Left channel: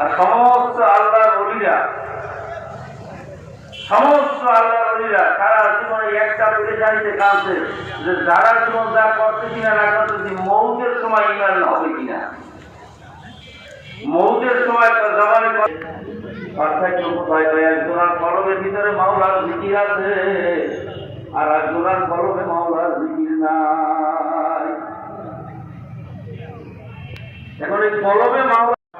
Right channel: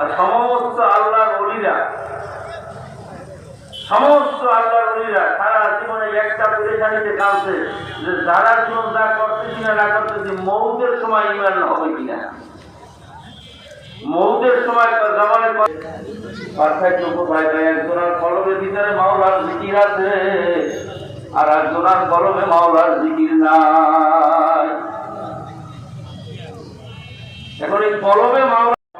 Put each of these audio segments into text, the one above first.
আর সমস্ত আল্লাহর অলিরা সমস্ত আল্লাহর অলিরা সারা জীবনে একটা পরেশানিতে কাঁদছে যে সারা জীবন যা করতেছি না না করতেছি, মৌতের সময় ইমান হবে কিনা? মৌতের সময় তার জমানে একজনের কলমের ভিতরে মাওলার জিকির আছে, আর একজনের কলমে মাওলার জিকির নাই। এখন এই কলমে মাওলা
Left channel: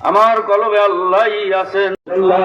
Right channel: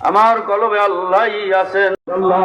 আমার কলবে আল্লাহ আছেন আল্লাহ